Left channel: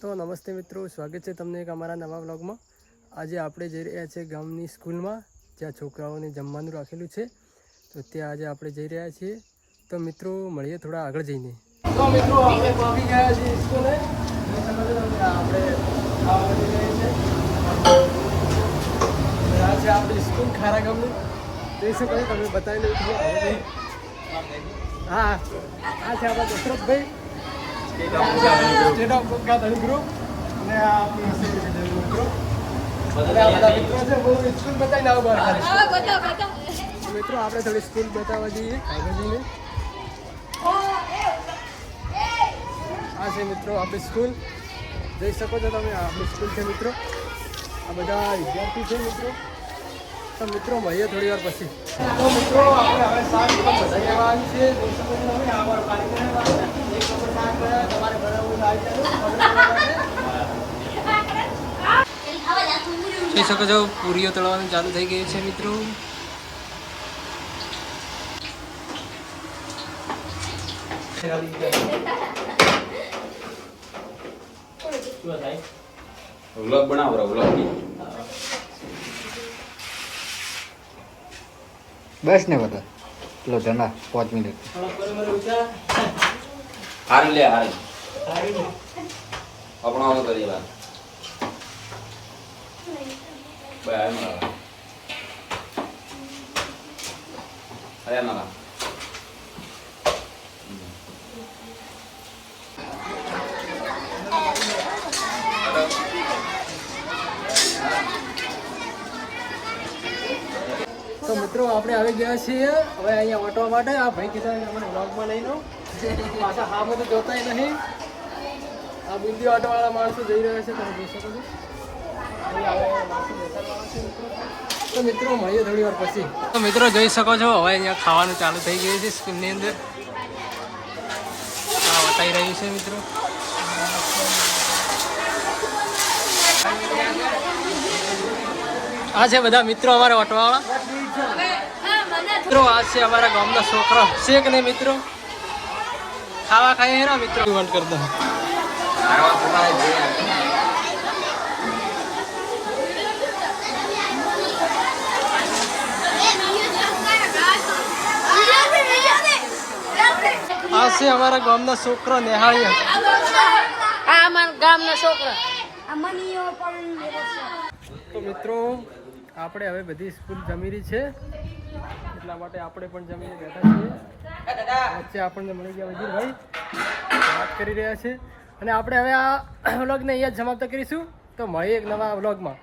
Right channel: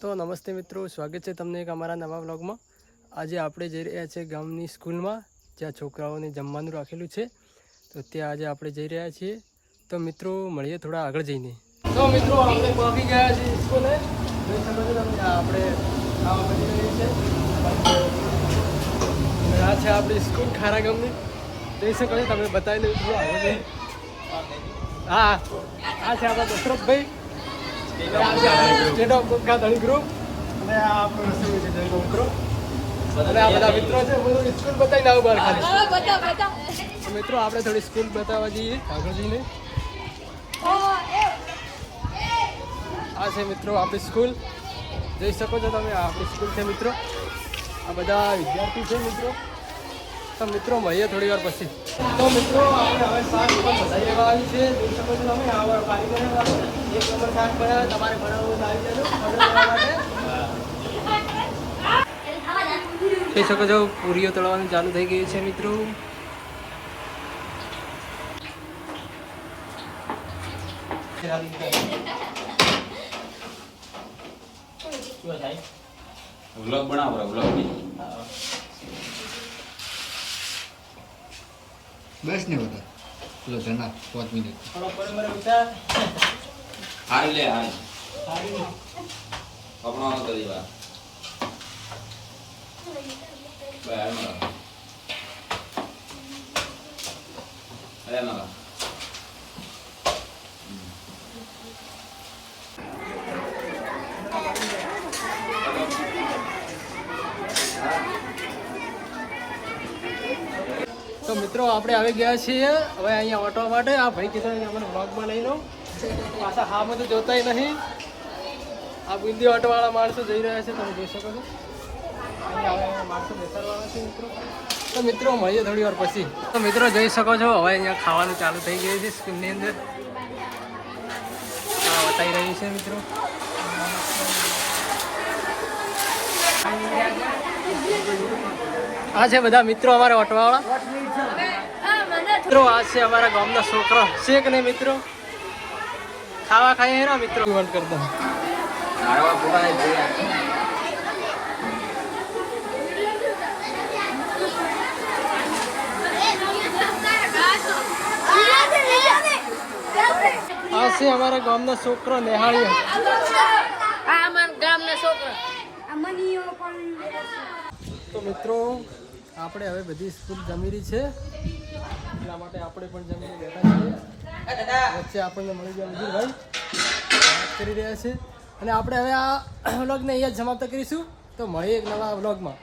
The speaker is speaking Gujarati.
તો નમસ્તે મિત્રો, સ્વાગત છે તમને એક અમારા નવા વ્લોગમાં। આજે આપણે જઈ રહ્યા છીએ ગામની સ્કૂલમાં, જ્યાં છોકરાઓને જમવાનું રાખેલું છે, તો ત્યાં આજે આપણે જઈ રહ્યા છીએ। તો મિત્રો મળીએ થોડા આગળ જઈને। તો મિત્રો આપણે પહોંચી ગયા છીએ સ્કૂલે। આપણે આ છે આપણી સ્કૂલ ખારા ગામની, જોઈ શકો છો તમે, બતાવી લઉં છું। હા, આ છે આપણા દશરથભાઈ, સ્ટેટ ઓફ ધણી ગ્રુપ, અને આ આપણું મિત્રો, અને આ બધા મિત્રો છે। હું સ્કૂલ બતાવીને આવું બહાર ખાલી। મિત્રો આપણે થોડી સ્કૂલ બતાવવા જઈએ આગળ જઈને। આ છે મિત્રો આપણી સ્કૂલ, જોઈ શકો છો તમે, આ આપણી સ્કૂલ છે મિત્રો। આ બધા વિદ્યાર્થી છે મિત્રો। તો મિત્રો મળીએ થોડી વાર પછી। તો મિત્રો આપણે હવે શાક બધા લેવા આવી છે, જોઈ શકો છો તમે। આ પાણી એક નંબર શાક કર્યા, તમારે બનાવવું આવી જજો જોઈ શકો છો। પૂરીઓ તળવાનું ચાલુ થઈ ગયું છે મિત્રો। વ્લોગ બનાવો, વ્લોગ બસ ને બધા પેલો ધના 5 મિનિટ હારી લે હારી આપણો કરી વાત બાય ના અરે ના તો મિત્રો આપણે આવી ગયા છીએ હવે અહીંયા વટવા માટે। આ ભાઈ કીધા અમને વ્લોગમાં લઈ લો, પાછા હા બધું જોતાય નહીં। આ બુદ્ધિ ઓટોવાળા માણસો જઈ રહ્યા છે, તમે જોઈ શકો છો। અહીંયા માણસો બેસાડવાના છે મિત્રો। તો મિત્રો મળીએ થોડી વાર પછી। તો મિત્રો જોઈ શકો છો હવે અહીંયા ખાવાનું ચાલુ થઈ ગયું છે સ્કૂલની અંદર। આ વટાઈ રહ્યું છે મિત્રો। આ છે બધા મિત્રો અમારા વટવાવાળા મિત્રો। આ છે અમારા ગામના છોકરા છે કે નહીં મિત્રો, ખાવા ખાઈએ હેરા મિત્રો ઇવેન્ટ કરતા। આવા ફોટા જોઈ આ છે અમારા ગામના છોકરા નેહાળીયા। તો મિત્રો આપણે હવે બધી સ્કૂલ જમી રહી છે, એટલા માટે આપણે પણ જમીને બેઠા છીએ। વચ્ચે આપણને મળી ગયા વજીરભાઈ, વાત કરી રહ્યા છે। અને આપણે હવે આ વ્લોગને અહીંયા જ સમાપ્ત કરીશું। તો મળીએ એક નવા વ્લોગમાં।